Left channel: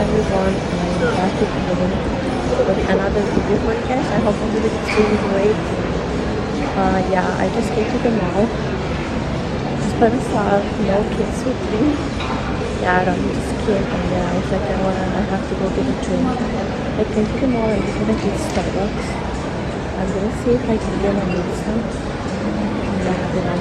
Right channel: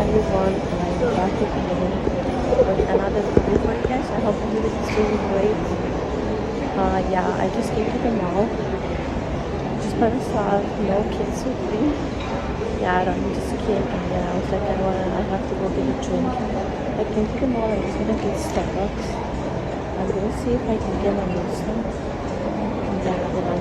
everyone, I'm back again with another video for you guys. I hope everybody's doing great. Yeah, I just came to the mall just by myself, no kids with me. Yeah, I don't need this kid, and then I was like, I have to go get a drink. I came to the mall, I'm just gonna get Starbucks. I'm gonna see if I can get my meat stuff. Yeah, then I'll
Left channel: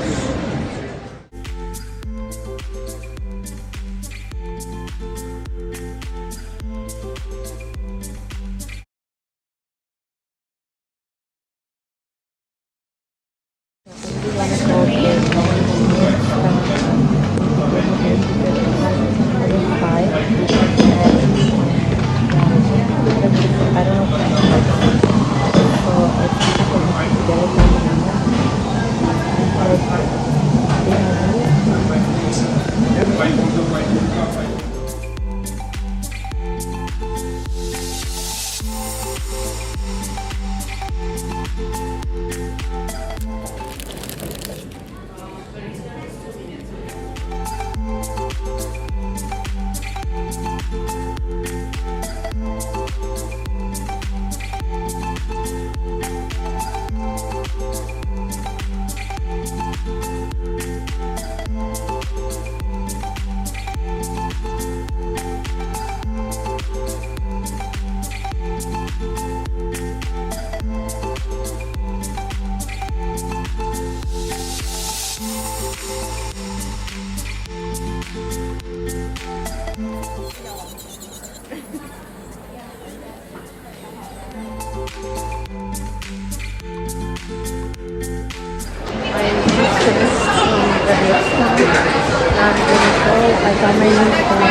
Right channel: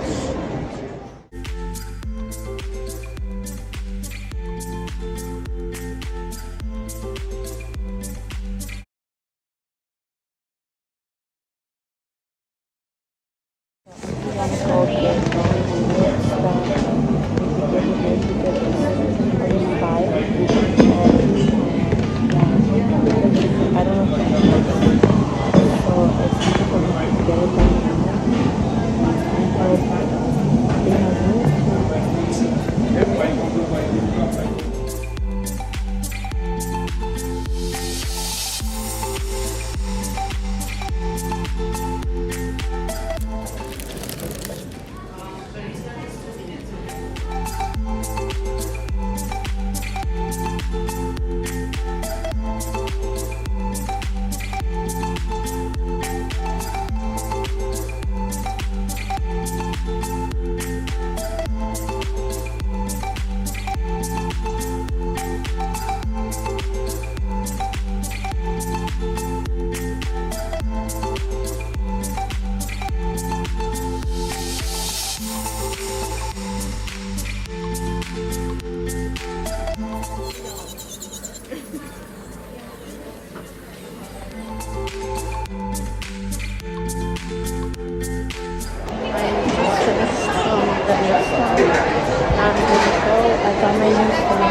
I got my new phone.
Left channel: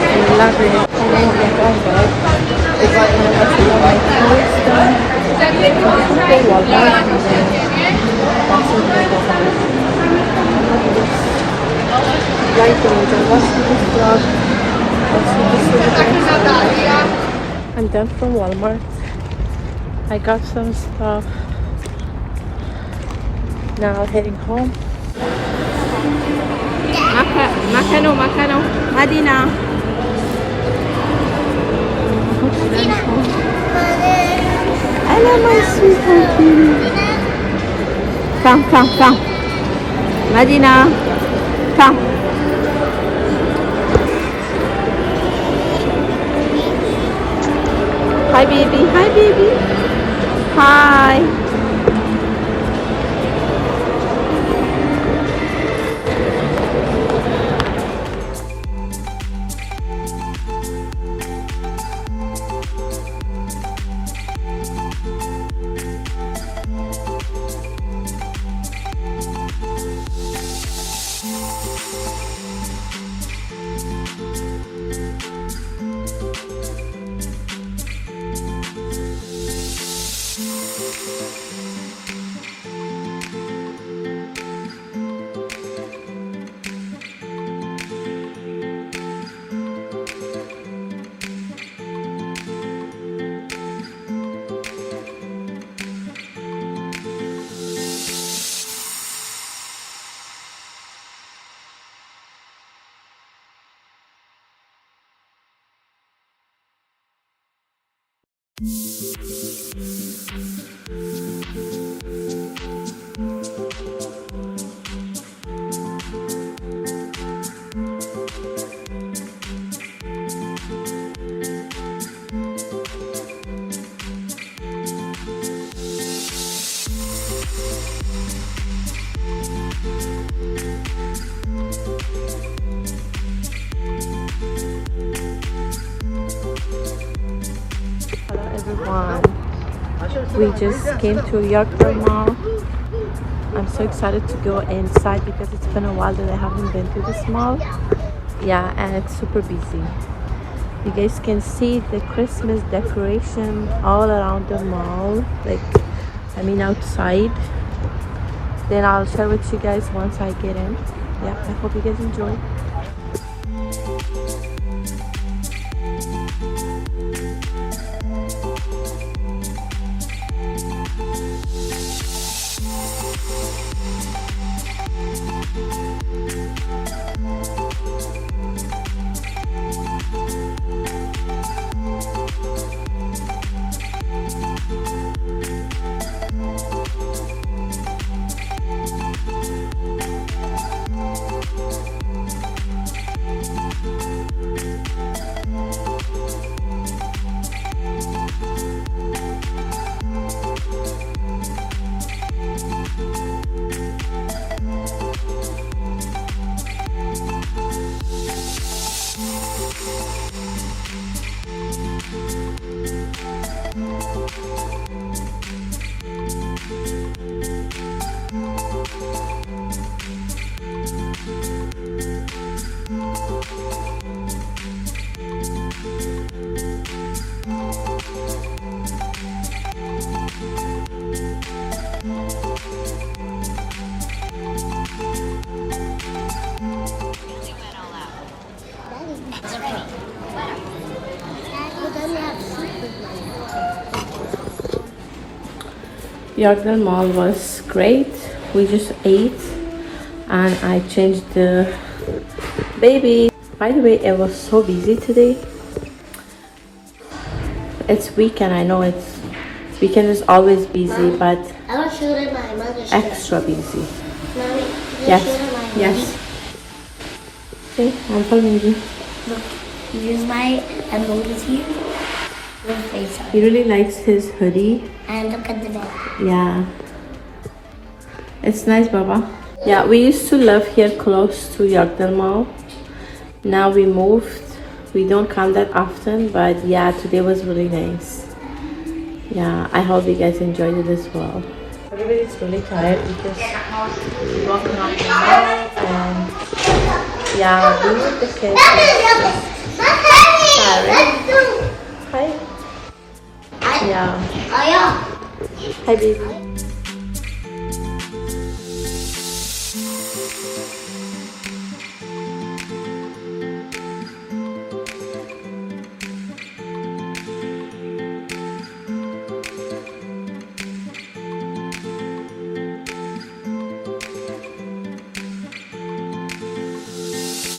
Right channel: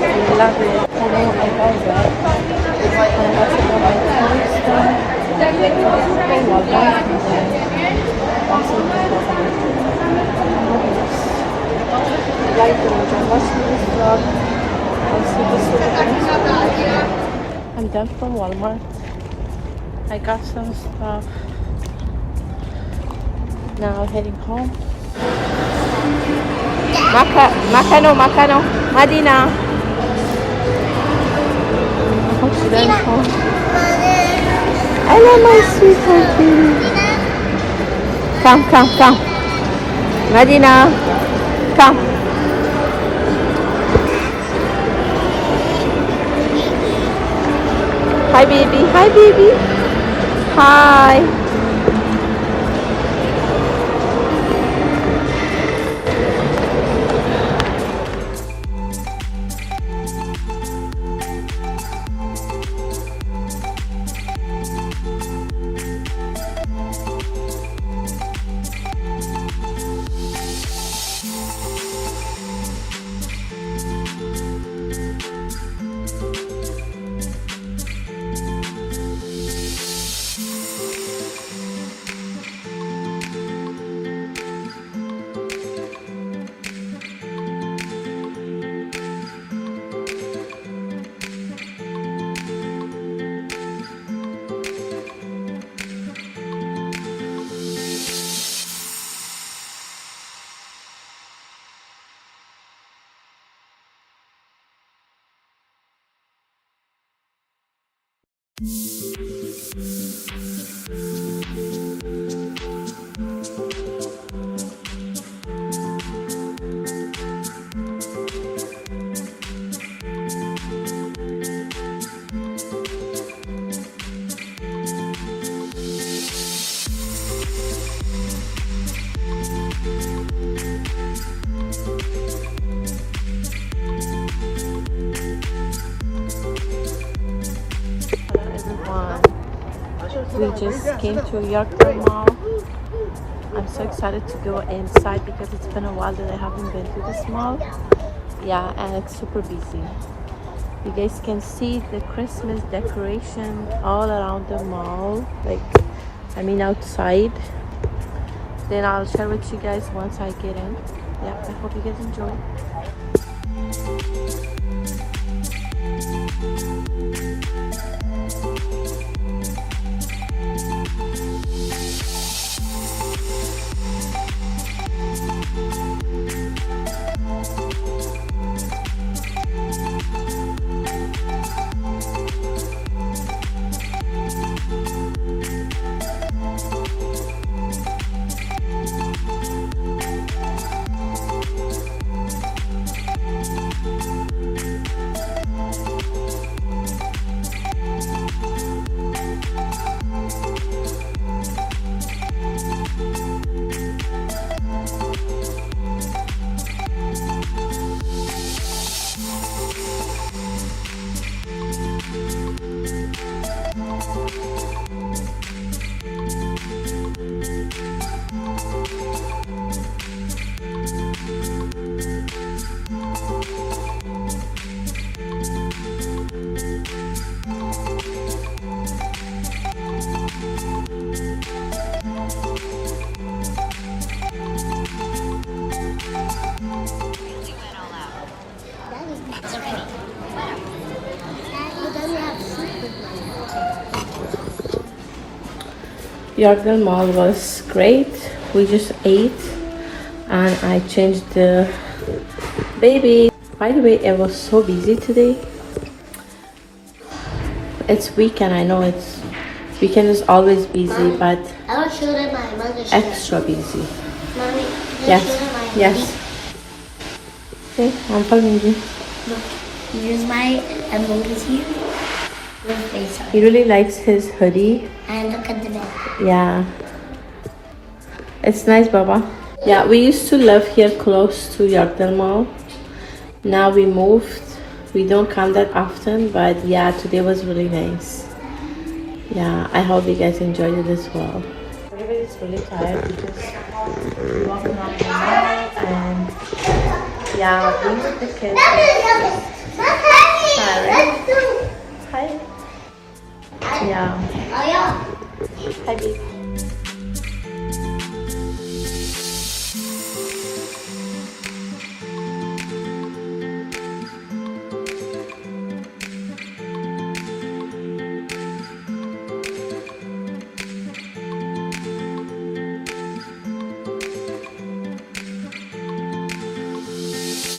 I love it. I know I love it. It's kind of actually all my clothes done. I'm going to Walmart and then that's what I got. Right when you watch this vlog, I'll see this little. I'm done from Walmart. I got some stuff. Now heading home. Makano, Madina. I hope she runs home. Hello, my sweetheart baby. Come. Madina, come. Hi, baby. Hi. We just came to Yorkdale Mall. I'm so excited to go inside because it's been a while that I haven't been to this mall. Yeah, and it's super busy. You guys can see the Christmas decoration all around the mall, outside. Then I'll share with you guys once I get in. Yeah, I hope you guys enjoy. Yorkdale Mall was great. We just ate and I changed the baby. By the way, it was so busy today. It's weekend, I know it's weekend is always busy, but extra busy. Yes, yes. Okay, I'm following you. Look, here's my envelope is here. He really likes his hoodie. And look at the back. Yeah. It's nice, Baba. Yeah, we used to live here close to Yorkdale Mall. Now we moved. We don't come that often, but yeah, today was really nice. Yeah, I hope you guys enjoyed it as well. Everybody's really tired because we walked around and yeah, being with the kids is tiring. Hi. Yeah. Hi, baby.